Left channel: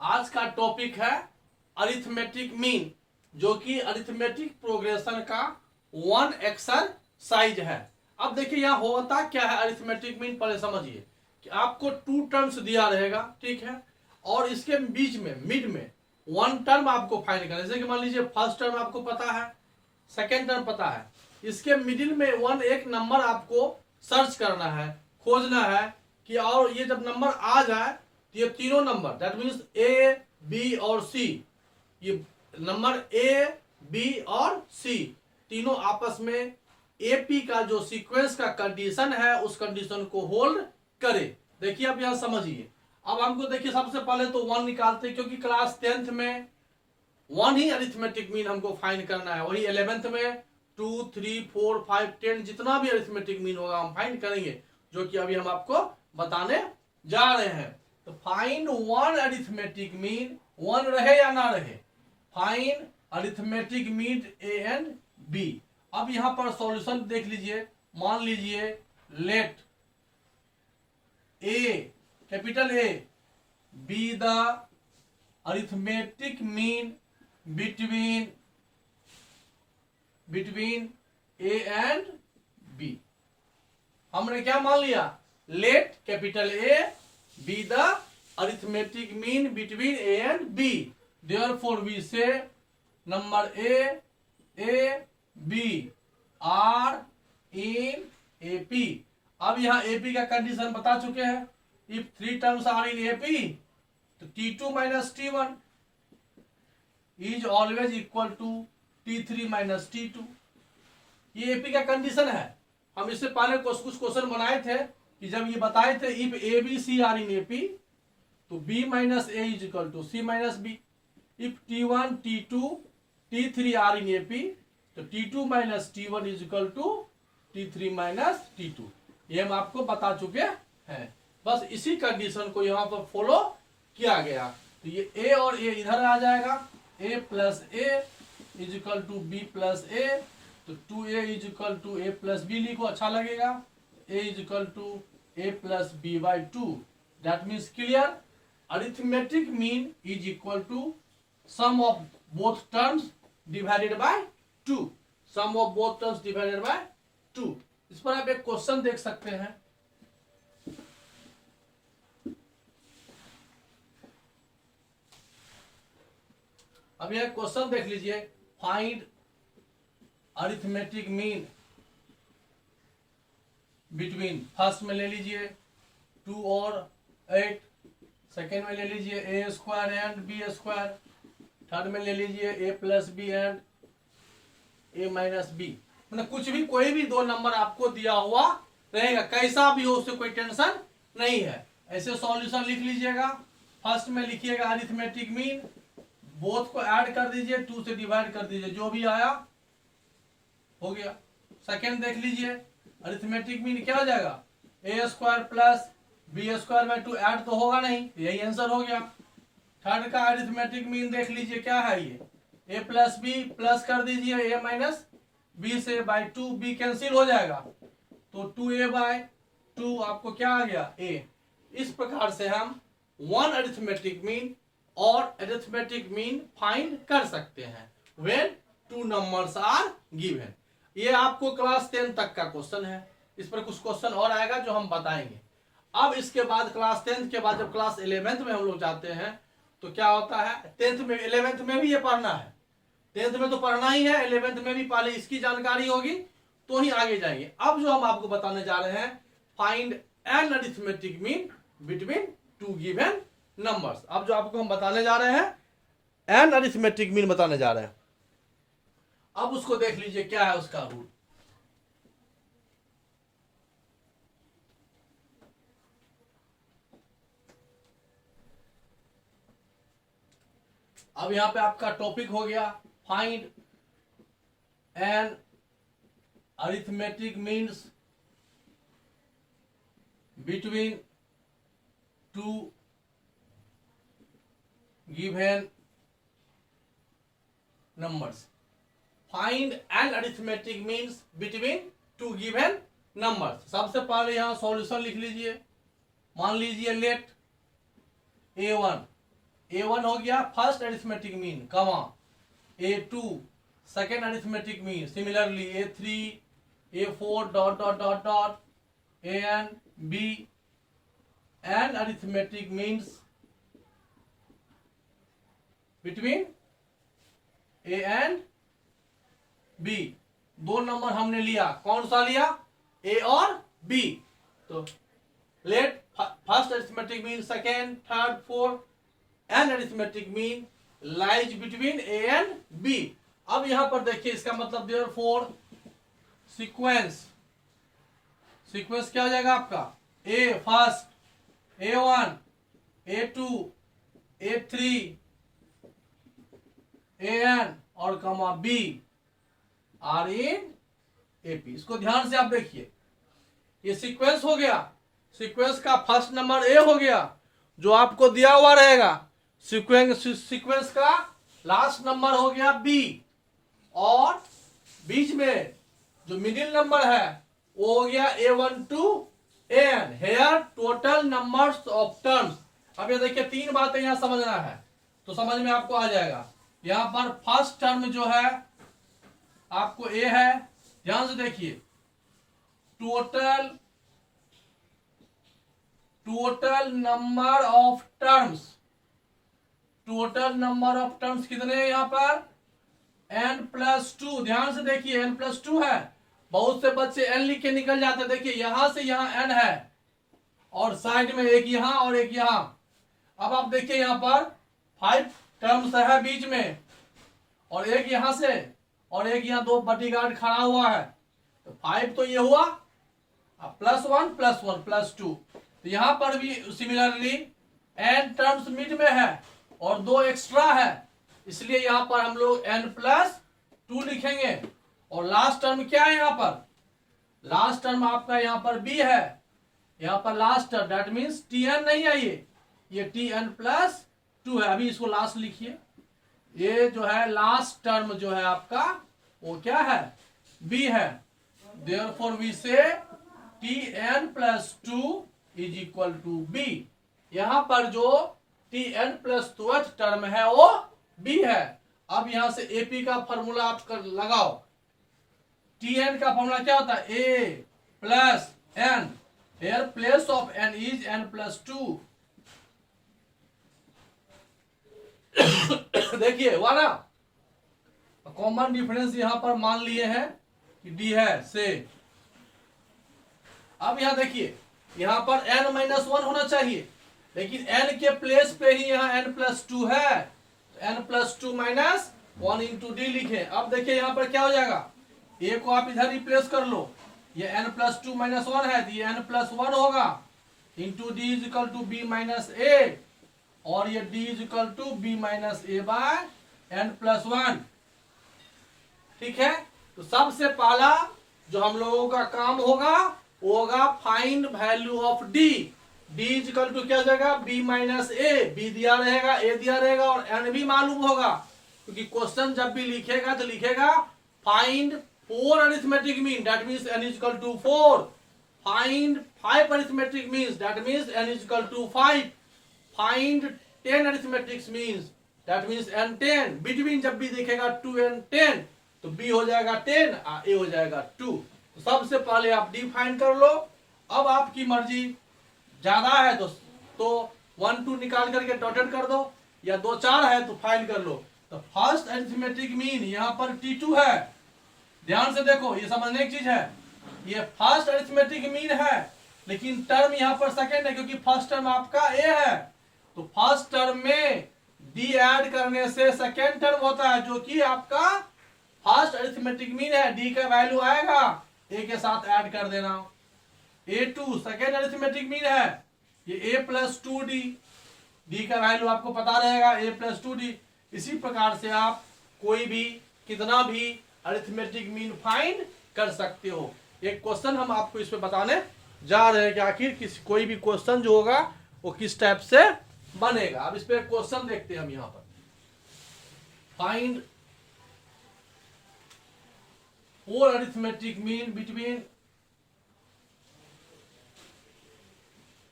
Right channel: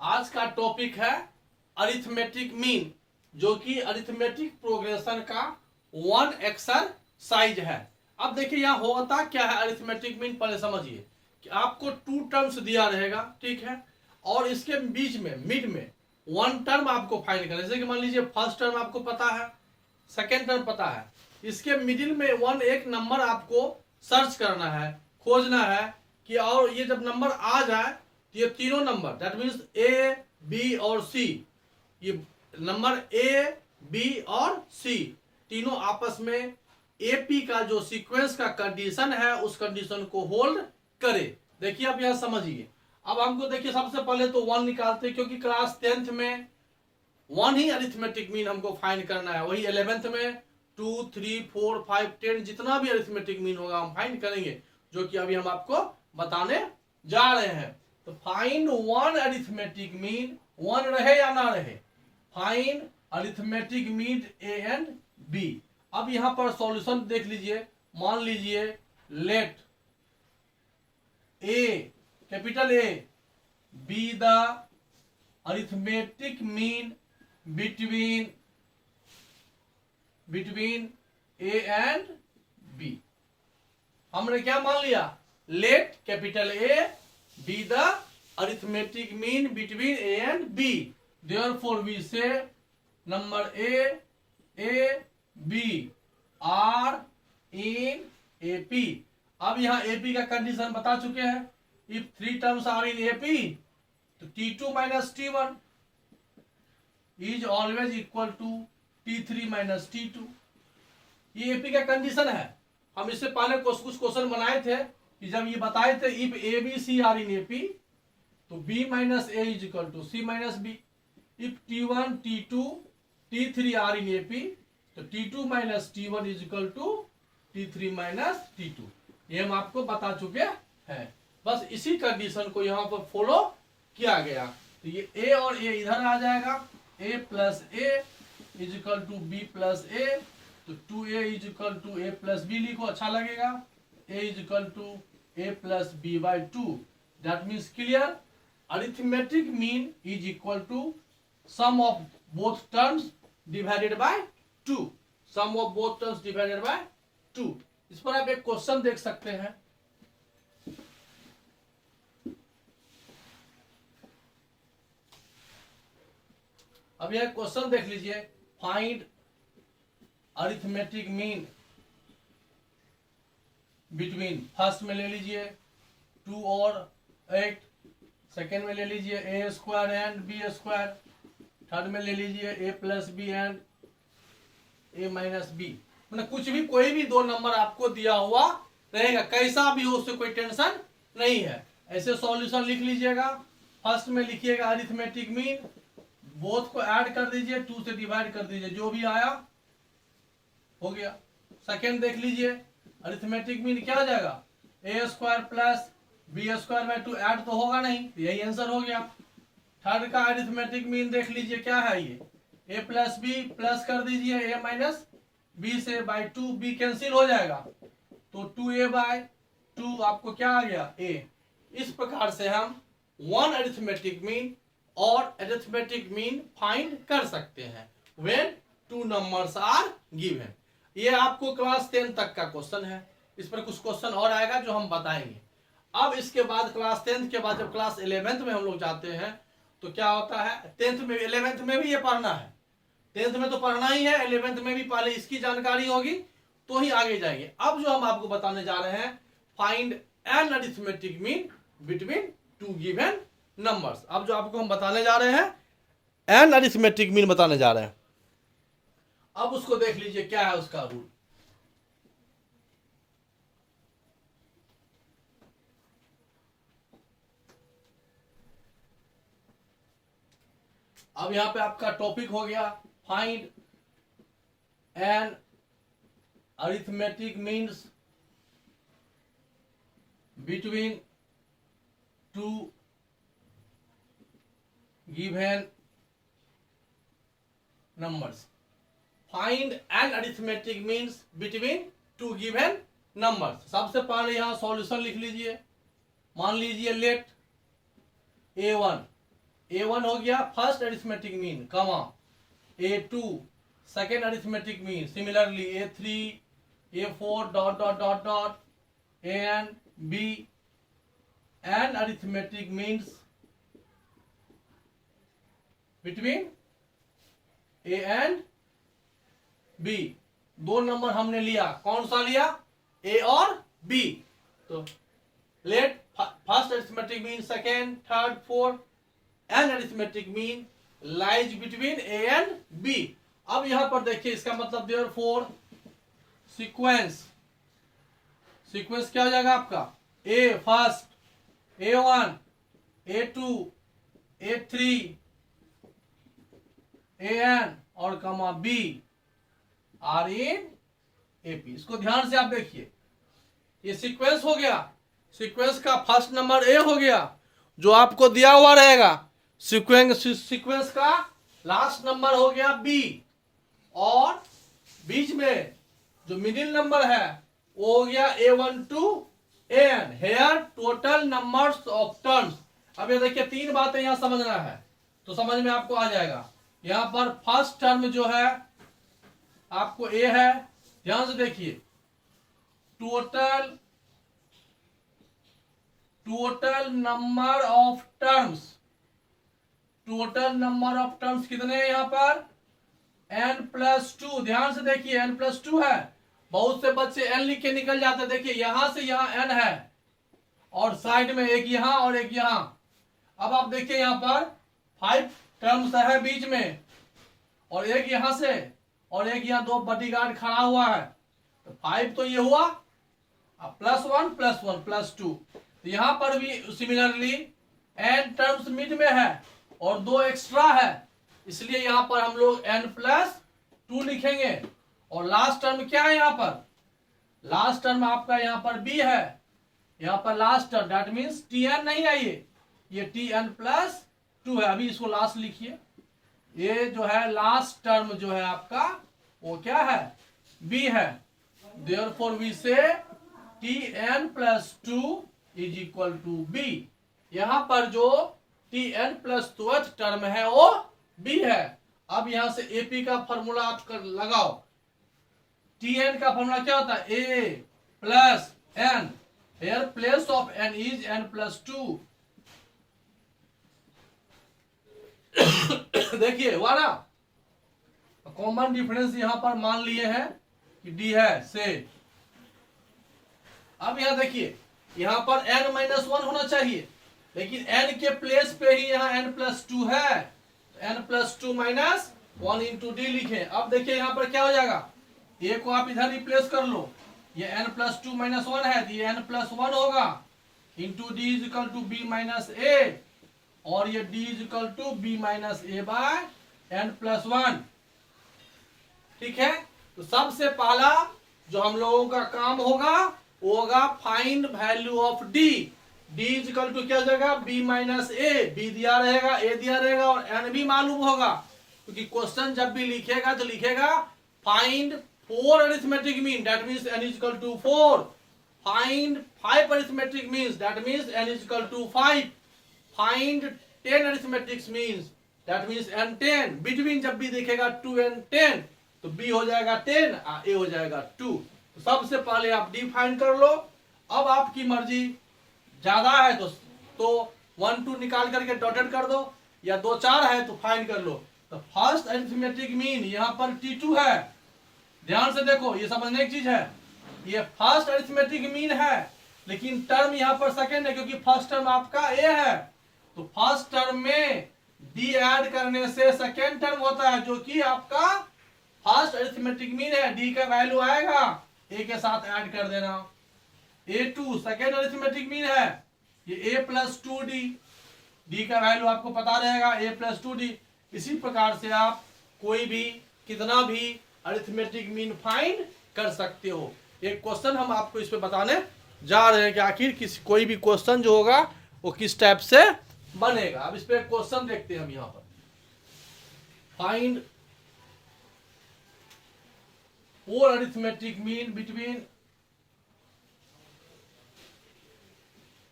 आज का टॉपिक है अरिथमेटिक मीन, जो कि अरिथमेटिक प्रोग्रेशन का वन एक्सरसाइज है। अब देखिए यहाँ होता क्या है अरिथमेटिक मीन, पहले समझिए कि आपको टू टर्म्स दिया रहेगा, ठीक है, और इसके बीच में मिड में वन टर्म आपको फाइंड करना है। जैसे कि मान लीजिए फर्स्ट टर्म आपको पता है, सेकेंड टर्म पता है, इसके मिडिल में एक नंबर आपको सर्च करना है, खोजना है कि, और ये जब नंबर आ जाए तो ये तीनों number that means A B और सी, ये नंबर ए बी और सी तीनों आपस में एपी का जो सीक्वेंस का कंडीशन है उस कंडीशन को होल्ड करे। देखिए अब यहां समझिए। अब हमको देखिए सबसे पहले तो वन निकालते हैं, क्योंकि क्लास 10th में वन ही अरिथमेटिक मीन हमको फाइंड करना है। वही 11th में 2, 3, 4, 5, 10 जितना भी अरिथमेटिक मीन होगा हम फाइंड करेंगे, जो कि अभी हम आपको बताने जा रहे हैं। तो find one arithmetic mean, one रहे या ना रहे, find arithmetic mean A and B. अब यहां पर सॉल्यूशन देख लीजिए। मान लीजिए let A, capital A, B the arithmetic mean between A and B. हमने क्या मान लिया, let capital A B the arithmetic mean between A and B, therefore we say number A B are in AP. अब यहां AP का condition बता चुके हैं। If three terms are in AP तो T2 minus T1 is always equal to T3 minus T2। ये AP का condition है। हम इससे पहले कुछ क्वेश्चन बनाए थे कि जब ये बताए थे if A B C are in AP तो B minus A is equal to C minus B. If T1 T2 T3 are in AP तो T2 minus T1 is equal to T3 minus T2। ये हम आपको बता चुके हैं। बस इसी कंडीशन को यहाँ पर फॉलो किया गया। तो ये ए और ए इधर आ जाएगा, A plus A is equal to B plus A, तो 2a is equal to A plus B लिखो, अच्छा लगेगा। a is equal to A plus B by 2, that means clear. Arithmetic mean is equal to sum of both terms divided by 2, sum of both terms divided by 2। इस पर आप एक question देख सकते हैं। अब यह क्वेश्चन देख लीजिए, find arithmetic mean between, first में ले लीजिए 2 और 8, सेकेंड में ले लीजिए A square and B square, third में ले लीजिए A plus B and A minus B. मतलब कुछ भी कोई भी दो नंबर आपको दिया हुआ रहेगा, कैसा भी हो उससे कोई टेंशन नहीं है। ऐसे सॉल्यूशन लिख लीजिएगा। फर्स्ट में लिखिएगा अरिथमेटिक मीन, बोथ को ऐड कर दीजिए, 2 से डिवाइड कर दीजिए, जो भी आया हो गया। सेकेंड देख लीजिए, अरिथमेटिक मीन क्या हो जाएगा, ए स्क्वायर प्लस बी स्क्वायर में 2 ऐड तो होगा नहीं, यही आंसर हो गया। थर्ड का अरिथमेटिक मीन देख लीजिए क्या है, ये ए प्लस बी प्लस कर दीजिए ए माइनस बी से बाई 2, बी कैंसिल हो जाएगा तो 2a बाय 2 आपको क्या आ गया, a। इस प्रकार से हम वन अरिथमेटिक मीन और अरिथमेटिक मीन फाइंड कर सकते हैं when two numbers are given. ये आपको क्लास 10 तक का क्वेश्चन है। इस पर कुछ क्वेश्चन और आएगा जो हम बताएंगे। अब इसके बाद क्लास 10th के बाद जब क्लास 11th में हम लोग जाते हैं तो क्या होता है, 10th में 11th में भी ये पढ़ना है, 10th में तो पढ़ना ही है, 11th में भी पहले इसकी जानकारी होगी तो ही आगे जाएंगे। अब जो हम आपको बताने जा रहे हैं, find an arithmetic mean between two given numbers. अब जो आपको हम बताने जा रहे हैं एन अरिथमेटिक मीन बताने जा रहे हैं। अब उसको देख लीजिए क्या है उसका रूल। अब यहां पे आपका टॉपिक हो गया find an arithmetic means between two given numbers. Find an arithmetic means between two given numbers. सबसे पहले यहां सॉल्यूशन लिख लीजिए। मान लीजिए लेट A1 A1 हो गया फर्स्ट अरिथमेटिक मीन, कमा A2 second arithmetic mean, similarly A3 A4 dot dot dot dot AN B and arithmetic means between A and B। दो नंबर हमने लिया, कौन सा लिया? A और B। तो let first arithmetic mean, second, third, fourth and arithmetic mean lies between A and B। अब यहां पर देखिए इसका मतलब देयरफॉर सीक्वेंस क्या हो जाएगा आपका? A first, A1 A2 A3 AN और कमा B आर इन AP। इसको ध्यान से आप देखिए, ये सीक्वेंस हो गया, सीक्वेंस का फर्स्ट नंबर A हो गया जो आपको दिया हुआ रहेगा, सीक्वेंस का लास्ट नंबर हो गया B, और बीच में जो मिडिल नंबर है वो हो गया A1 to AN। Here total numbers of terms. अब ये देखिए तीन बातें यहां समझना है तो समझ में आपको आ जाएगा। यहां पर फर्स्ट टर्म जो है आपको A है, ध्यान से देखिए, total number of terms, total number of terms कितने हैं यहां पर? n+2। ध्यान से देखिए n+2 है। बहुत से बच्चे n लिख के निकल जाते हैं, देखिए यहां से यहां n है और साइड में एक यहां और एक यहां। अब आप देखिए यहां पर 5 टर्म्स है बीच में, और एक यहां से और एक यहां, दो बॉडीगार्ड खड़ा हुआ है, तो 5 तो ये हुआ, अब +1 +1 +2। तो यहां पर भी सिमिलरली n टर्म्स मिड में है और दो एक्स्ट्रा है, इसलिए यहां पर हम लोग n+2 लिखेंगे। और लास्ट टर्म क्या है यहां पर? लास्ट टर्म आपका यहां पर B है, यहां पर last term that means Tn नहीं है, ये Tn+2 है। अभी इसको लास्ट लिखिए, ये जो है लास्ट टर्म जो है आपका वो क्या है? B है। देयरफॉर वी से Tn+2 is equal to B। यहां पर जो Tn+2 टर्म है वो B है। अब यहां से AP का फॉर्मूला आप लगाओ। Tn का फॉर्मूला क्या होता है? A plus n, here place of n is n+2। देखिए वाला कॉमन डिफरेंस यहां पर मान लिए हैं कि D है से। अब यहां देखिए, यहां पर n-1 होना चाहिए, लेकिन n के प्लेस पे ही यहां n+2 है, n+2 -1 इंटू D लिखे। अब देखिए यहां पर क्या हो जाएगा, A को आप इधर रिप्लेस कर लो, ये n+2 -1 है तो ये n+1 होगा into D is equal to B -A, और ये D is equal to B -A by n+1। ठीक है, तो सबसे पहला जो हम लोगों का काम होगा वो होगा find value of D। D is equal to क्या हो जाएगा? B -A, B दिया रहेगा, A दिया रहेगा और n भी मालूम होगा, क्योंकि क्वेश्चन जब भी लिखेगा तो लिखेगा find 4 arithmetic mean, that means n is equal to 4। Find 5 arithmetic means, that means n is equal to 5। Find 10 arithmetic means, that means n 10। Between जब भी दिखेगा 2 and 10 तो B हो जाएगा 10 और A हो जाएगा 2। तो सबसे पहले आप D फाइंड कर लो। अब आपकी मर्जी, ज्यादा है तो 1 2 निकाल करके डॉटेड कर दो, या 2 4 है तो फाइंड कर लो। तो फर्स्ट अरिथमेटिक मीन यहाँ पर T2 है। ध्यान से देखो, ये समझने की चीज है, ये फर्स्ट अरिथमेटिक मीन है, लेकिन टर्म यहाँ पर सेकेंड है क्योंकि फर्स्ट टर्म आपका A है। तो फर्स्ट टर्म में D ऐड करने से सेकेंड टर्म होता है जो कि आपका फर्स्ट अरिथमेटिक मीन है। D का वैल्यू आएगा, A के साथ ऐड कर देना। A2 सेकेंड अरिथमेटिक मीन है, ये A+2D, D का वैल्यू आपको पता रहेगा A+2D। इसी प्रकार से आप कोई भी कितना भी अरिथमेटिक मीन फाइंड कर सकते हो। एक क्वेश्चन हम आपको इस पे बताने जा रहे हैं कि आखिर कोई भी क्वेश्चन जो होगा वो किस टाइप से बनेगा। अब इस पे क्वेश्चन देखते हैं हम यहां पर। Find 4 arithmetic mean between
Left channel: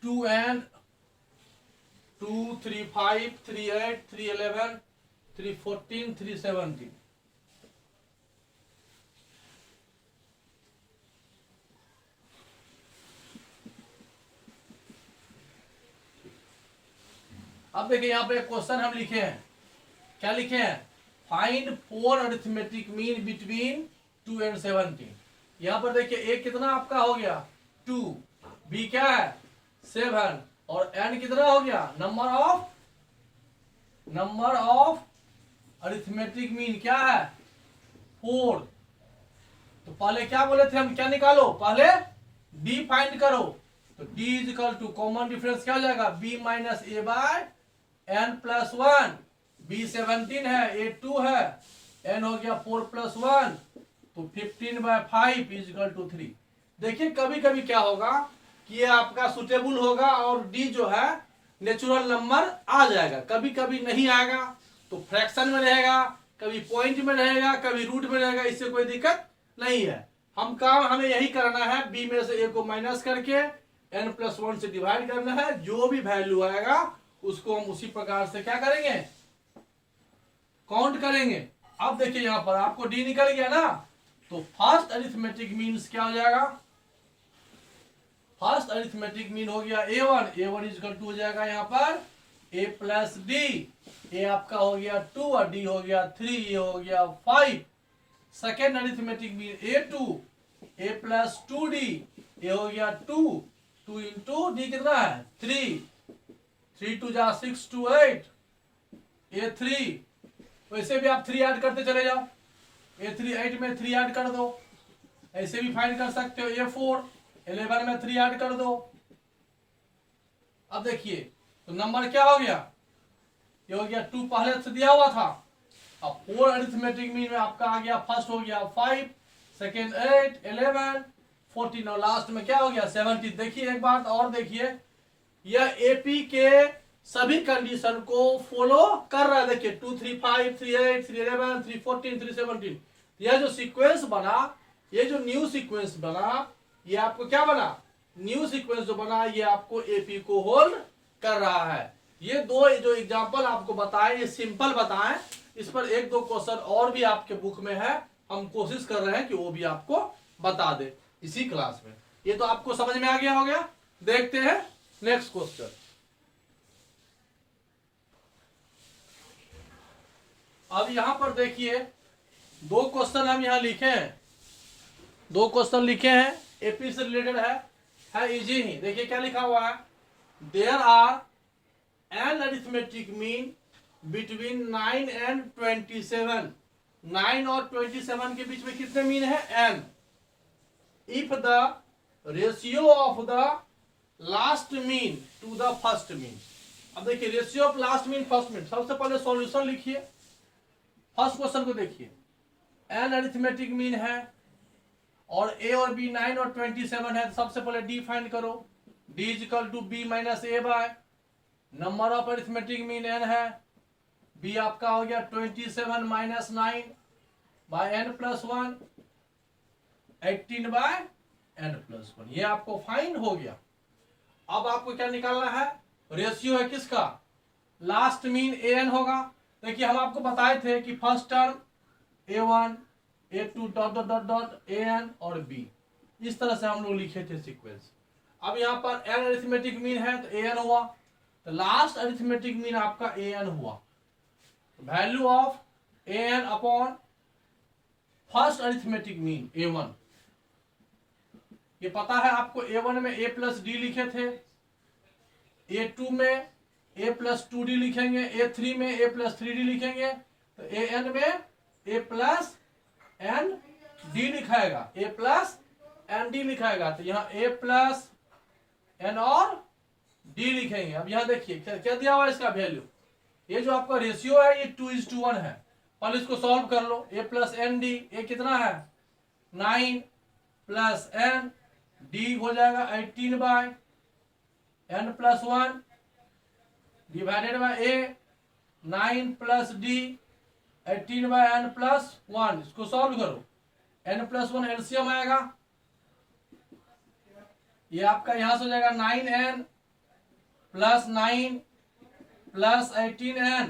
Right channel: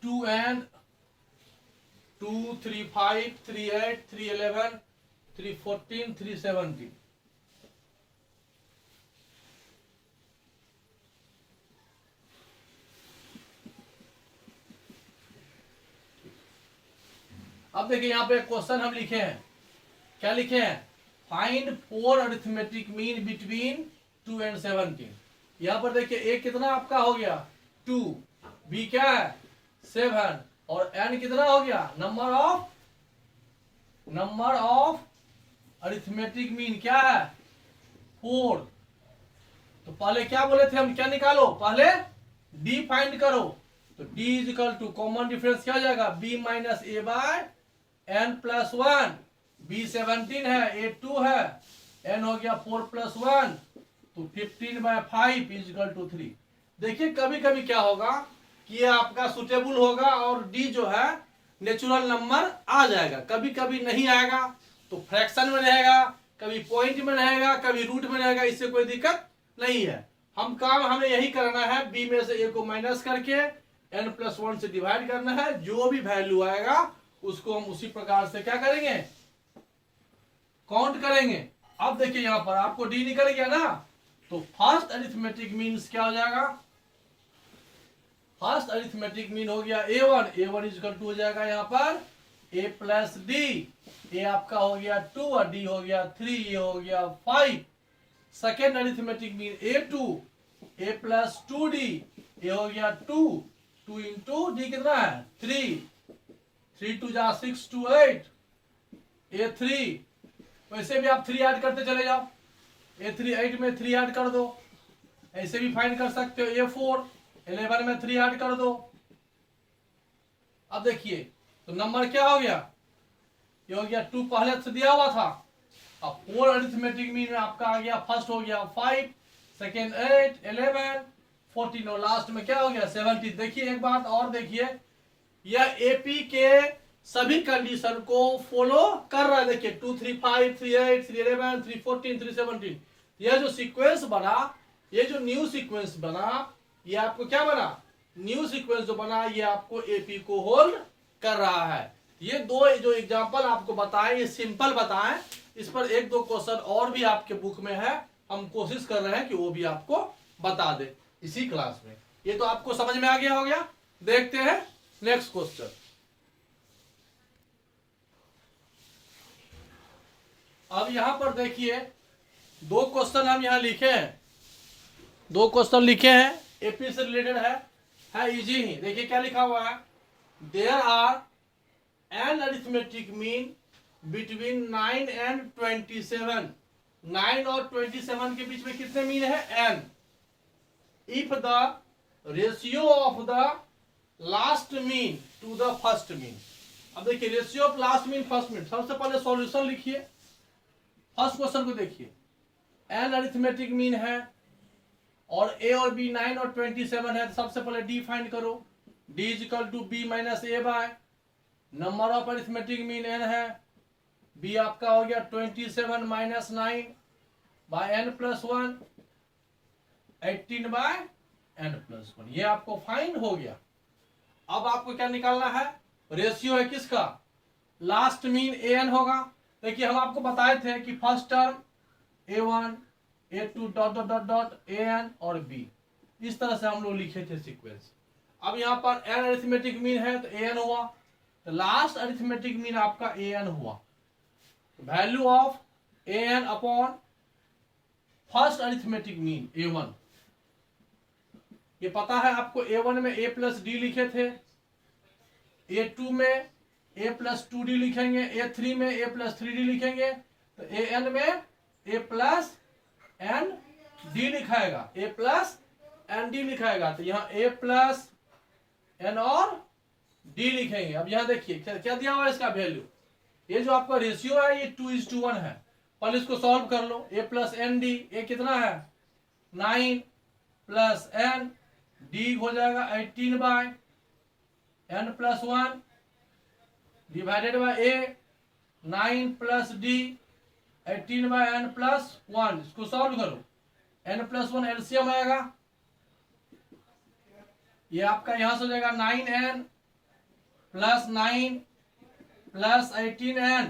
2 and 2 3 5 3 8 3 11 3 14 3 17। अब देखिए यहाँ पे क्वेश्चन हम लिखे हैं, क्या लिखे हैं, find 4 arithmetic mean between 2 and 17। यहाँ पर देखिए ए कितना आपका हो गया 2, बी क्या है 7 और एन कितना हो गया नंबर ऑफ अरिथमेटिक मीन क्या है 4। तो पहले क्या बोले थे हम, क्या निकालो, पहले डी फाइंड करो। तो D is equal to common difference क्या हो जाएगा B minus A by N plus 1। B 17 है, ए 2 है, एन हो गया 4 प्लस 1 तो 15/5 इज इक्वल टू 3। देखिए कभी कभी क्या होगा कि ये आपका सुटेबल होगा और डी जो है नेचुरल नंबर आ जाएगा, कभी कभी नहीं आएगा तो फ्रैक्शन में रहेगा, कभी पॉइंट में रहेगा, कभी रूट में रहेगा, इससे कोई दिक्कत नहीं है। हम काम हमें यही करना है, बी में से ए को माइनस करके n प्लस 1 से डिवाइड करना है, जो भी वैल्यू आएगा उसको हम उसी प्रकार से क्या करेंगे काउंट करेंगे। अब देखिए यहां पर आपको डी निकल गया ना, तो फर्स्ट अरिथमेटिक मीन्स क्या हो जाएगा, फर्स्ट अरिथमेटिक मीन हो गया a1 इज इक्वल टू हो जाएगा यहाँ पर a प्लस डी। ए आपका हो गया 2 और डी हो गया 3, ये हो गया 5। Second arithmetic mean a plus 2d, ये हो गया 2 इंटू डी कितना है 3 2 जा 6 2 8 a3। वैसे भी आप 3 ऐड करते चले जाओ, a3 8 में 3 ऐड कर दो, ऐसे भी फाइंड कर सकते हो a4 11 में 3 ऐड कर दो। अब देखिए तो नंबर क्या हो गया, ये हो गया 2 पहले से दिया हुआ था। अब 4 अरिथमेटिक मीन में आपका आ गया, फर्स्ट हो गया 5, सेकेंड 8 11 14 और लास्ट में क्या हो गया 17। देखिए एक बात और देखिए, यह एपी के सभी कंडीशन को फॉलो कर रहा है। देखिए 2 3 5 3 8 3 11 3 14 3 17, यह जो सीक्वेंस बना, ये जो न्यू सीक्वेंस बना, ये आपको क्या बना न्यू सीक्वेंस जो बना, ये आपको एपी को होल्ड कर रहा है। ये दो जो एग्जांपल आपको बताए ये सिंपल बताएं, इस पर एक दो क्वेश्चन और भी आपके बुक में है, हम कोशिश कर रहे हैं कि वो भी आपको बता दे इसी क्लास में। ये तो आपको समझ में आ गया हो गया। देखते हैं नेक्स्ट क्वेश्चन। अब यहां पर देखिए दो क्वेश्चन हम यहां लिखे हैं, दो क्वेश्चन लिखे हैं एपी से रिलेटेड है इजी ही। देखिए क्या लिखा हुआ है, there are N arithmetic mean between 9 and 27। 9 और 27 के बीच में कितने मीन है n। If the ratio of the last mean to the first mean. अब देखिए ratio of last mean first mean, सबसे पहले सॉल्यूशन लिखिए। फर्स्ट क्वेश्चन को देखिए, एन अरिथमेटिक मीन है और ए और बी 9 और 27 है, सबसे पहले डी फाइंड करो। D is equal to B minus A by number of arithmetic mean N है, बी आपका हो गया 27 minus 9 by N plus 1 18 by N plus 1। ये आपको फाइंड हो गया। अब आपको क्या निकालना है, रेशियो है किसका, लास्ट मीन ए एन होगा। देखिए हम आपको बताए थे कि first term a1 a2 dot dot dot dot an और b, इस तरह से हम लोग लिखे थे सीक्वेंस। अब यहाँ पर n अरिथमेटिक मीन है तो an हुआ, तो लास्ट अरिथमेटिक मीन आपका an हुआ। Value of an upon first arithmetic mean a1, ये पता है आपको। a1 में a प्लस डी लिखे थे, a2 में a प्लस 2d लिखेंगे, a3 में a प्लस 3d लिखेंगे, तो an में a प्लस एन डी लिखाएगा, a प्लस एन डी लिखाएगा, तो यहाँ a प्लस एन और d लिखेंगे। अब यहाँ देखिए क्या दिया हुआ है इसका वैल्यू, ये जो आपका रेशियो है ये 2:1 है। पहले इसको सॉल्व कर लो, a plus N D, A कितना है 9 प्लस एन, डी हो जाएगा 18 by N plus 1 divided by A 9 plus D 18 by N plus 1। इसको सॉल्व करो, एन प्लस 1 एलसीएम आएगा, ये आपका यहां से हो जाएगा 9n प्लस 9 प्लस 18n,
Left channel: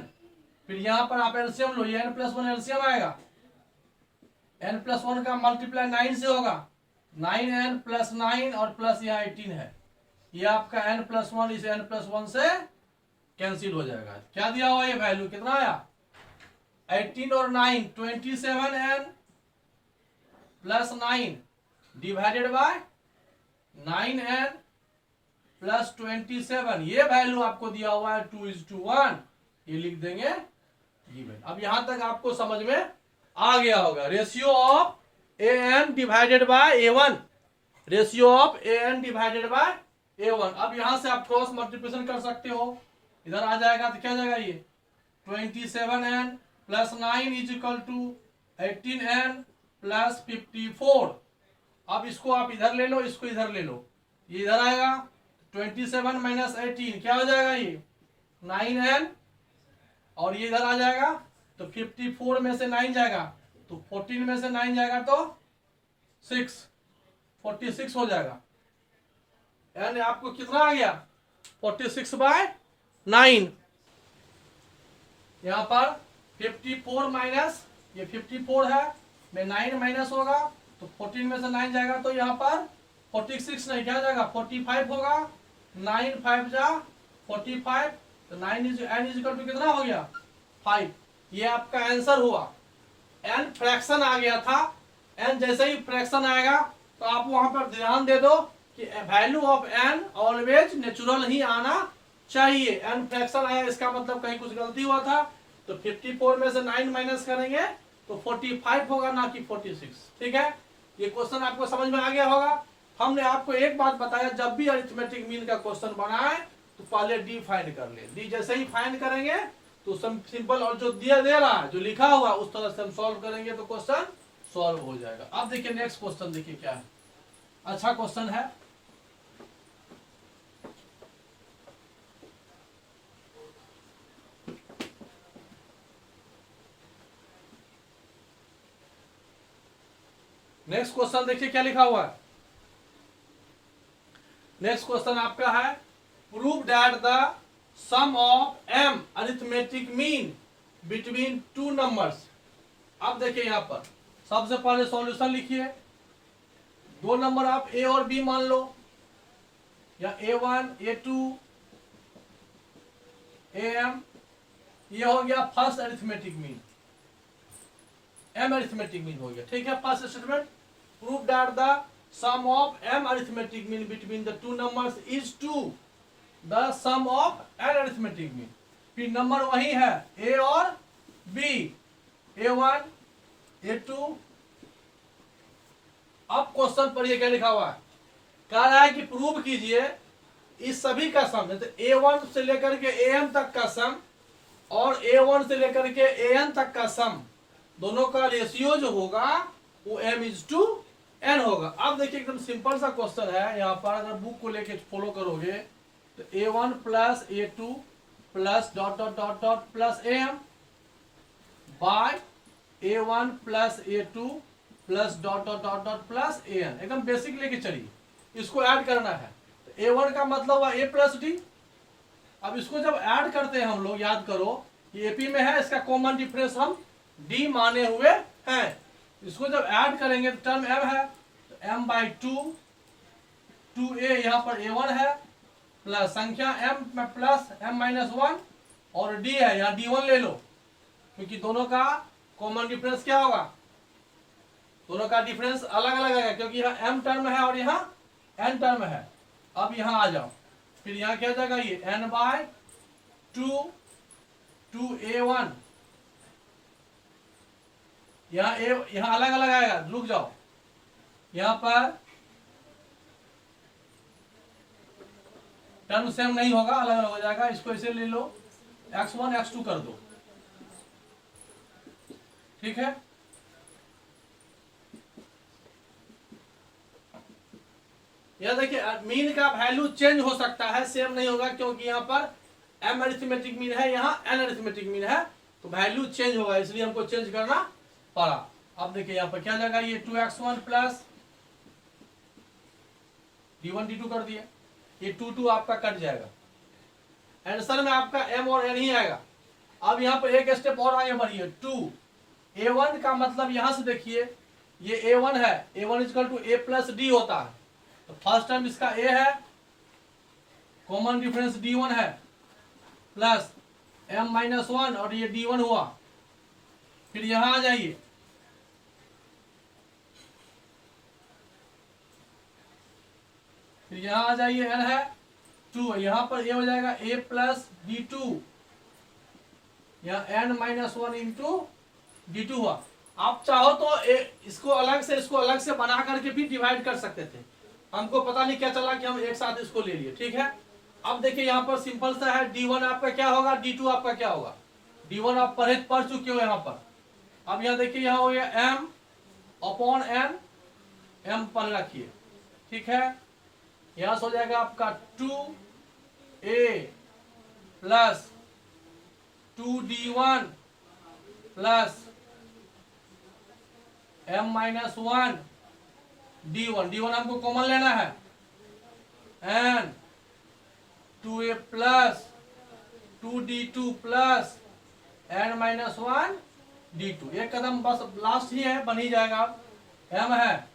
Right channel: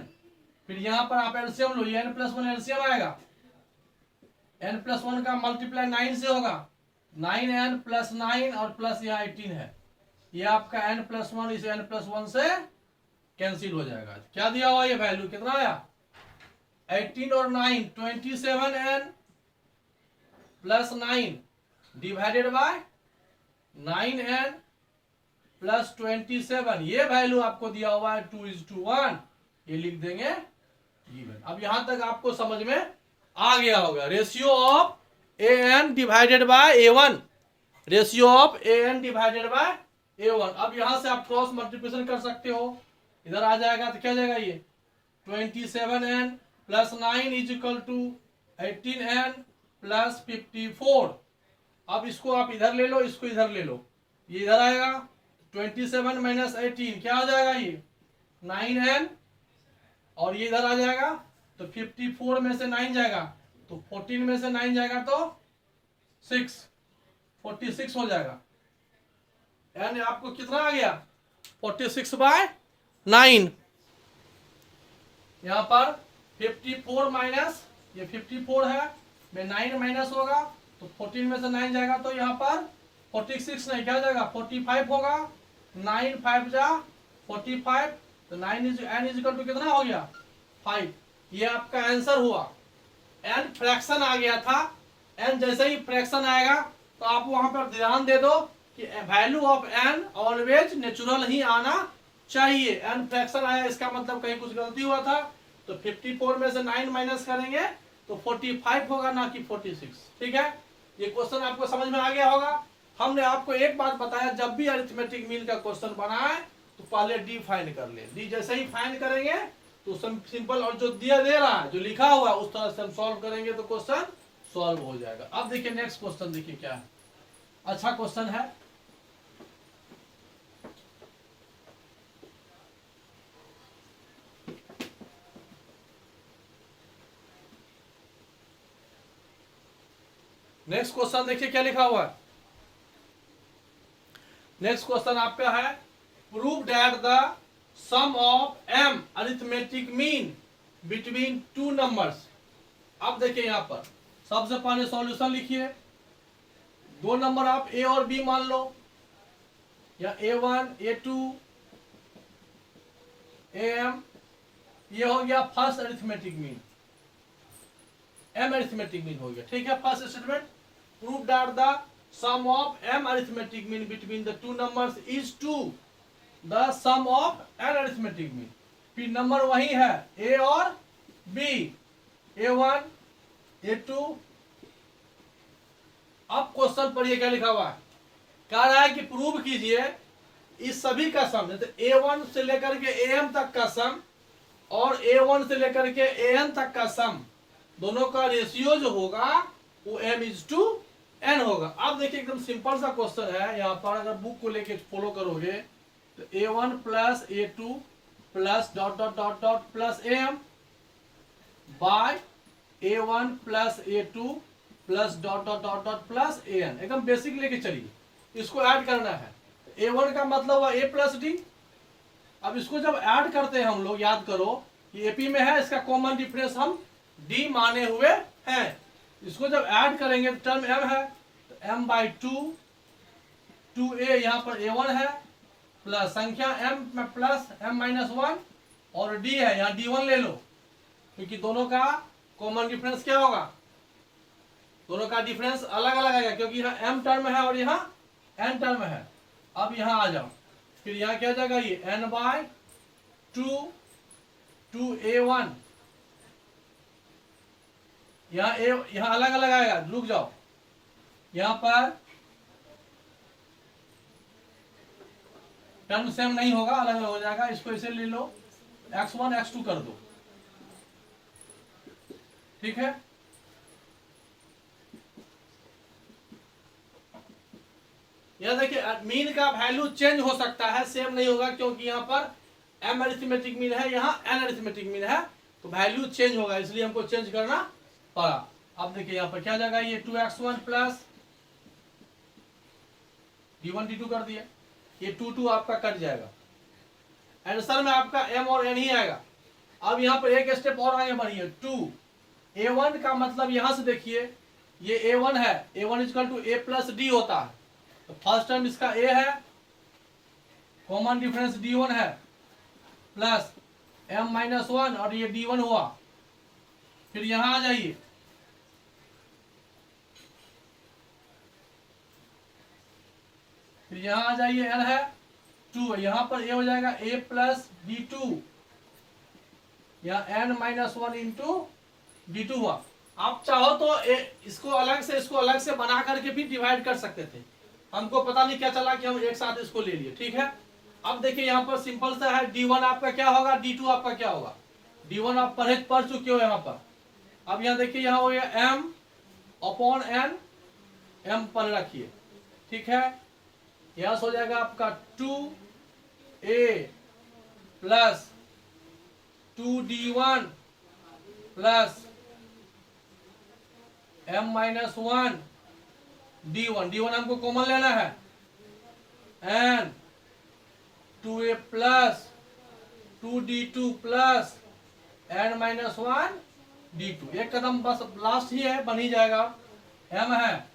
फिर यहां पर आप एलसीएम लो, ये n प्लस 1 एलसीएम आएगा, n प्लस 1 का मल्टीप्लाई 9 से होगा, 9n प्लस 9 और प्लस यहाँ 18 है, ये आपका n प्लस 1 इसे n प्लस 1 से कैंसिल हो जाएगा। क्या दिया हुआ ये वैल्यू कितना आया 18 और 9 27n plus 9 divided by 9n plus 27, ये वैल्यू आपको दिया हुआ है 2:1, ये लिख देंगे गिवन। अब यहां तक आपको समझ में आ गया होगा। Ratio of an divided by a1, ratio of an divided by a1। अब यहां से आप क्रॉस मल्टीप्लिकेशन कर सकते हो, इधर आ जाएगा तो क्या जाएगा ये 27n plus 9 is equal to 18n plus 54। अब इसको आप इधर ले लो, इसको इधर ले लो, ये इधर आएगा 27 माइनस 18 क्या हो जाएगा ये 9n, और ये इधर आ जाएगा तो 54 में से 9 जाएगा तो 14 में से 9 जाएगा तो 46 हो जाएगा। यानी आपको कितना आ गया 46/9। यहां पर 54 माइनस ये 54 है, में 9 माइनस होगा तो 14 में से 9 जाएगा तो यहाँ पर 46 नहीं क्या जाएगा 45 होगा, 9 5 जा 45, तो 9 is n is equal to कितना हो गया 5। ये आपका आंसर हुआ। n फ्रैक्शन आ गया था, n जैसे ही फ्रैक्शन आएगा तो आप वहां पर ध्यान दे दो कि value of n always natural ही आना चाहिए। n फ्रैक्शन आया इसका मतलब कहीं कुछ गलती हुआ था, तो 54 में से 9 माइनस करेंगे तो 45 होगा ना कि 46। ठीक है, ये क्वेश्चन आपको समझ में आ गया होगा। हमने आपको एक बात बताया, जब भी अरिथमेटिक मीन का क्वेश्चन बनाए तो पहले डी फाइंड कर ले, डी जैसे ही फाइंड करेंगे तो सिंपल, और जो दिया दे रहा है जो लिखा हुआ उस तरह से हम सॉल्व करेंगे तो क्वेश्चन सॉल्व हो जाएगा। अब देखिए नेक्स्ट क्वेश्चन, देखिए क्या है, अच्छा क्वेश्चन है। नेक्स्ट क्वेश्चन देखिए क्या लिखा हुआ है। नेक्स्ट क्वेश्चन आपका है, prove that the sum of m arithmetic mean between two numbers. अब देखिए यहां पर सबसे पहले सॉल्यूशन लिखिए, दो नंबर आप a और b मान लो, या a1 a2 am, ये हो गया first arithmetic mean, m arithmetic mean हो गया। ठीक है, first statement, prove that the sum of m arithmetic mean between the two numbers is to the sum of n arithmetic mean. फिर number वही है a और b, a1 a2। अब question पढ़िए क्या लिखा हुआ है, कह रहा है कि प्रूव कीजिए इस सभी का सम, जैसे a1 से लेकर के am तक का सम और a1 से लेकर के an तक का सम, दोनों का रेशियो जो होगा वो m/n होगा। अब देखिए एकदम सिंपल सा क्वेश्चन है, यहाँ पर अगर बुक को लेके फॉलो करोगे तो a1 plus a2 plus dot dot dot dot plus am by a1 plus a2 plus dot dot dot dot plus an, एकदम बेसिक लेके चलिए, इसको ऐड करना है। a1 का मतलब हुआ a प्लस डी। अब इसको जब ऐड करते हैं हम लोग, याद करो ये AP में है, इसका कॉमन डिफरेंस हम D माने हुए हैं। इसको जब ऐड करेंगे तो टर्म m है, तो m/2 2a, यहाँ पर a1 है, प्लस संख्या m में प्लस m-1 और d है, यहाँ d1 ले लो, क्योंकि दोनों का कॉमन डिफरेंस क्या होगा, दोनों का डिफरेंस अलग अलग है, क्योंकि यहाँ m टर्म है और यहाँ n टर्म है। अब यहाँ आ जाओ, फिर यहाँ क्या हो जाएगा, ये n/2 2a1, यहाँ अलग अलग आएगा, रुक जाओ, यहाँ पर टर्म सेम नहीं होगा, अलग अलग हो जाएगा। इसको ऐसे ले लो, x1 x2 कर दो, ठीक है। यह देखिए मीन का वैल्यू चेंज हो सकता है, सेम नहीं होगा, क्योंकि यहाँ पर m अरिथमेटिक मीन है, यहाँ n अरिथमेटिक मीन है, तो वैल्यू चेंज होगा, इसलिए हमको चेंज करना पड़ा। अब देखिए यहाँ पर क्या जाएगा, ये 2x1 प्लस d1 d2 कर दिया, ये 2 2 आपका कट जाएगा, आंसर में आपका m और n ही आएगा। अब यहाँ पर एक स्टेप और आगे बढ़िए, 2 a1 का मतलब यहां से देखिए ये a1 है, a1 equal to a plus D होता है। तो फर्स्ट टर्म इसका a है, कॉमन डिफरेंस d1 है, प्लस m माइनस 1 और ये d1 हुआ। फिर यहां आ जाइए, फिर यहां आ जाइए, n है 2, यहां पर a हो जाएगा a प्लस d2, या n माइनस 1 इंटू d2 हुआ। आप चाहो तो इसको अलग से बना करके भी डिवाइड कर सकते थे, हमको पता नहीं क्या चला कि हम एक साथ इसको ले लिए, ठीक है। अब देखिए यहाँ पर सिंपल सा है, d1 आपका क्या होगा, d2 आपका क्या होगा। d1 आप पढ़ चुके हो यहाँ पर। अब यहाँ देखिए यहाँ हो गया m अपॉन n, m पर रखिए, ठीक है। यहाँ से हो जाएगा आपका 2a plus 2d1 plus m minus 1 d1 हमको कॉमन लेना है, n 2a plus 2d2 plus n minus 1 d2। एक कदम बस लास्ट ही है, बन ही जाएगा। m है,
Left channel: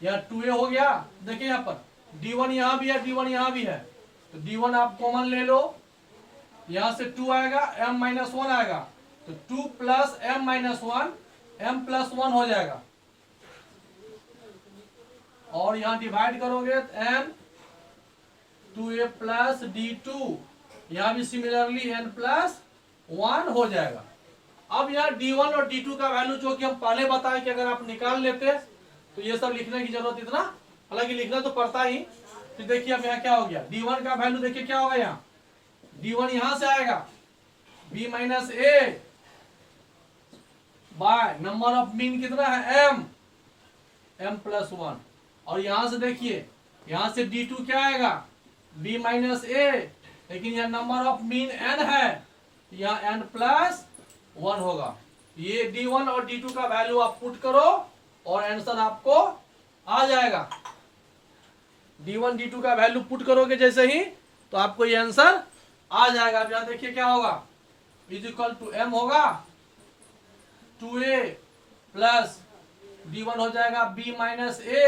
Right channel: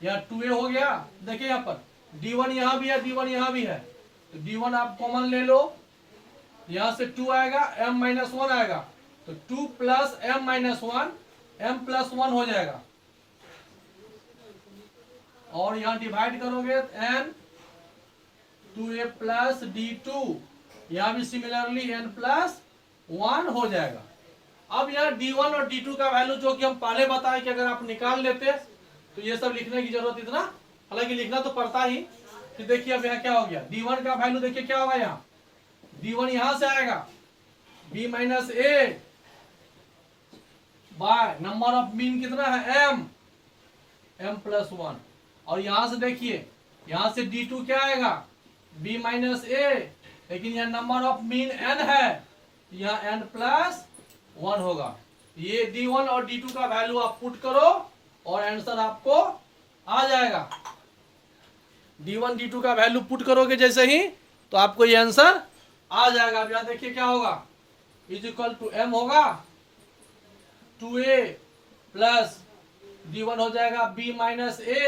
यहाँ 2a हो गया, देखिए यहाँ पर d1 यहाँ भी है, d1 यहाँ भी है, तो d1 आप कॉमन ले लो, यहाँ से 2 आएगा, m माइनस 1 आएगा, तो 2 plus m minus 1 m plus 1 हो जाएगा। और यहाँ डिवाइड करोगे तो n 2a प्लस d2, यहाँ भी सिमिलरली n प्लस 1 हो जाएगा। अब यहाँ d1 और d2 का वैल्यू जो कि हम पहले बताए कि अगर आप निकाल लेते तो ये सब लिखने की जरूरत इतना, हालांकि लिखना तो पड़ता ही। फिर देखिए अब यहाँ क्या हो गया, d1 का वैल्यू देखिए क्या होगा, यहाँ d1 यहां से आएगा b minus a bye number of mean कितना है m प्लस 1, और यहां से देखिए यहां से d2 क्या आएगा b माइनस a, लेकिन यह नंबर ऑफ मीन n है, यहाँ n प्लस 1 होगा। ये d1 और d2 का वैल्यू आप पुट करो और आंसर आपको आ जाएगा। d1 d2 का वैल्यू पुट करोगे जैसे ही तो आपको ये आंसर आ जाएगा। अब यहां देखिए क्या होगा, इज इक्वल टू m होगा 2a प्लस d1 हो जाएगा b minus a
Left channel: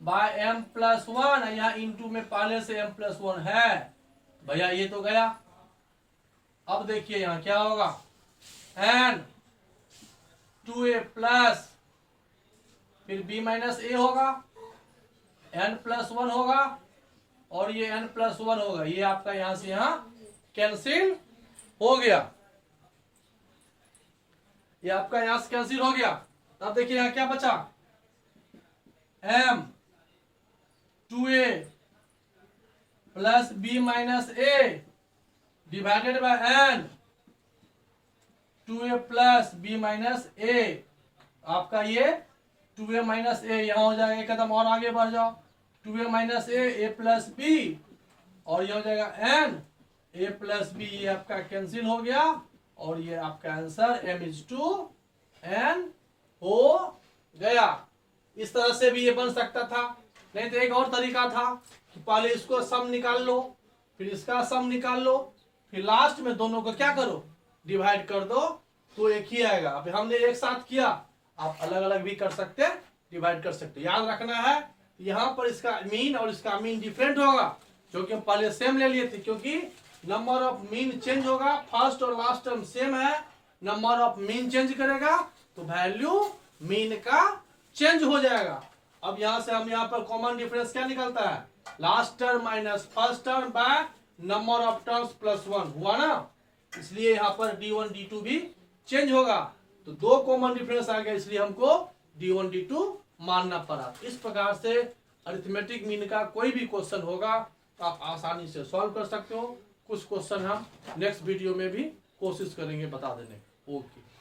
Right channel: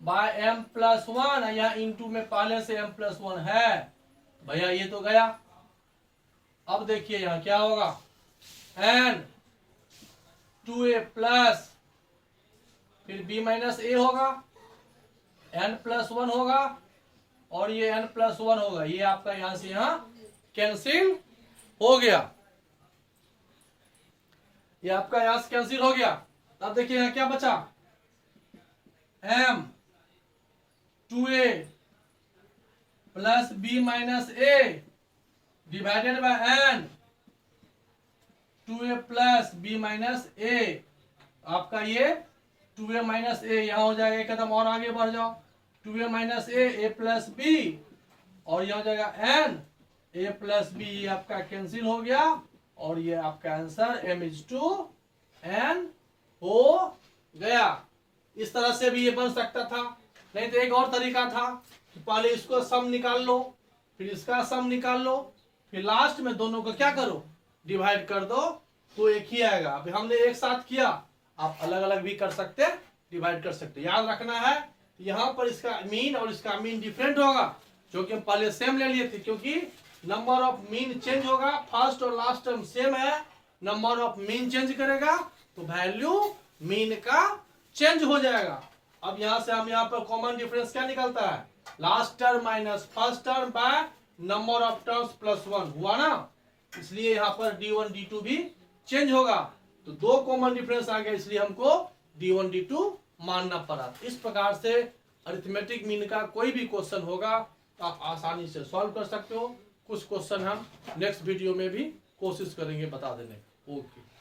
by m plus 1, यहाँ इंटू में पहले से m प्लस 1 है भैया, ये तो गया। अब देखिए यहाँ क्या होगा, n 2a प्लस फिर b माइनस a होगा, n प्लस 1 होगा, और ये n प्लस 1 होगा, ये आपका यहां से यहां कैंसिल हो गया, ये आपका यहां से कैंसिल हो गया। अब देखिए यहां क्या बचा, m 2a plus b minus a divided by n 2a plus b minus a, आपका ये 2a माइनस a यहाँ हो जाएगा, एक कदम और आगे बढ़ जाओ, 2a minus a plus b, और ये हो जाएगा n a प्लस b, ये आपका कैंसिल हो गया, और ये आपका answer m is to n हो गया। इस तरह से भी ये बन सकता था, नहीं तो एक और तरीका था कि पहले इसको सम निकाल लो, फिर इसका सम निकाल लो, फिर लास्ट में दोनों को क्या करो, डिवाइड कर दो, तो एक ही आएगा। अभी हमने एक साथ किया, आप अलग अलग भी कर सकते, डिवाइड कर सकते। याद रखना है यहाँ पर इसका मीन और इसका मीन डिफरेंट होगा, जो कि हम पहले सेम ले लिए थे, क्योंकि नंबर ऑफ मीन चेंज होगा, फर्स्ट और लास्ट टर्म सेम है, नंबर ऑफ मीन चेंज करेगा तो वैल्यू मीन का चेंज हो जाएगा। अब यहां से हम यहाँ पर कॉमन डिफरेंस क्या निकलता है, last term minus first term by number of terms plus 1 हुआ ना, इसलिए यहाँ पर d1 d2 भी चेंज होगा, तो दो कॉमन डिफरेंस आ गया, इसलिए हमको d1 d2 मानना पड़ा। इस प्रकार से अरिथमेटिक मीन का कोई भी क्वेश्चन होगा तो आप आसानी से सॉल्व कर सकते हो। कुछ क्वेश्चन हम नेक्स्ट वीडियो में भी कोशिश करेंगे बता देने। ओके।